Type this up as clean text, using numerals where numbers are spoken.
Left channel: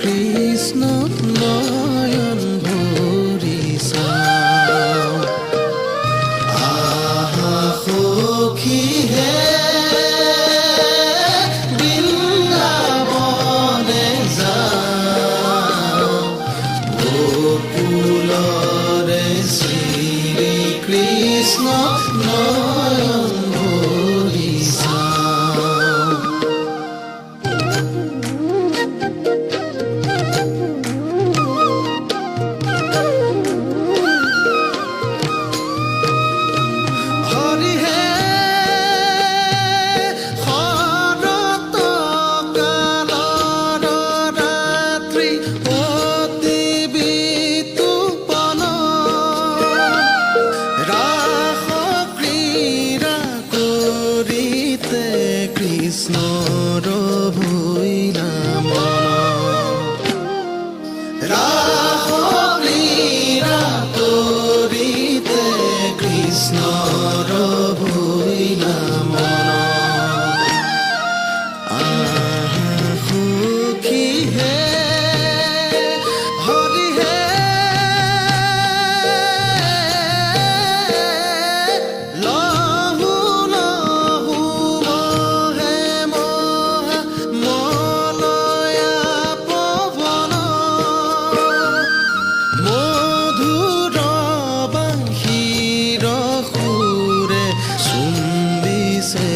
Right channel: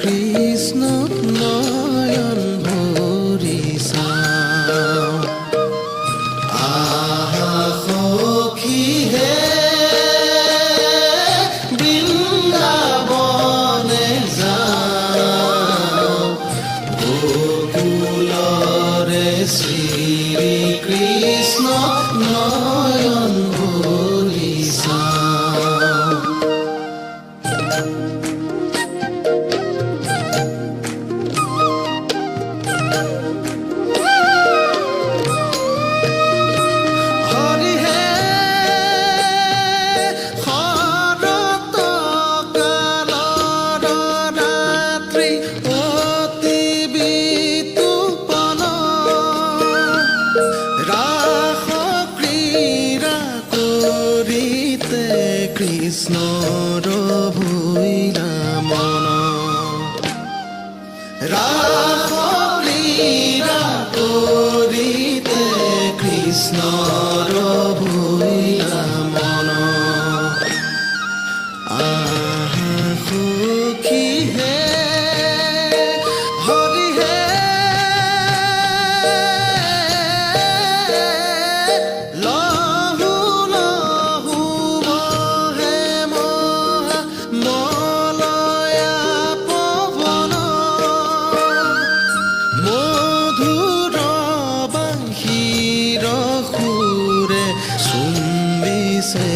কৃষ্ণ নয়ন ভৰি চাওঁ আহা সখী হে বৃন্দাবনে যাওঁ গোকুলৰে শ্ৰী কৃষ্ণ নয়ন ভৰি চাওঁ হৰি হে শৰৎ কালৰ ৰাত্ৰি অতি বিতুপন ৰাস ক্ৰীড়া কৰিতে কৃষ্ণৰ ভৈলা মন ৰাস ক্ৰীড়া কৰিতে কৃষ্ণৰ ভৈলা মন আহা সখী হে হৰি হে লহু লহু মহে মহা মলয়া পৱন মধুৰ বাঁশীৰ সুৰে চুম্বিছে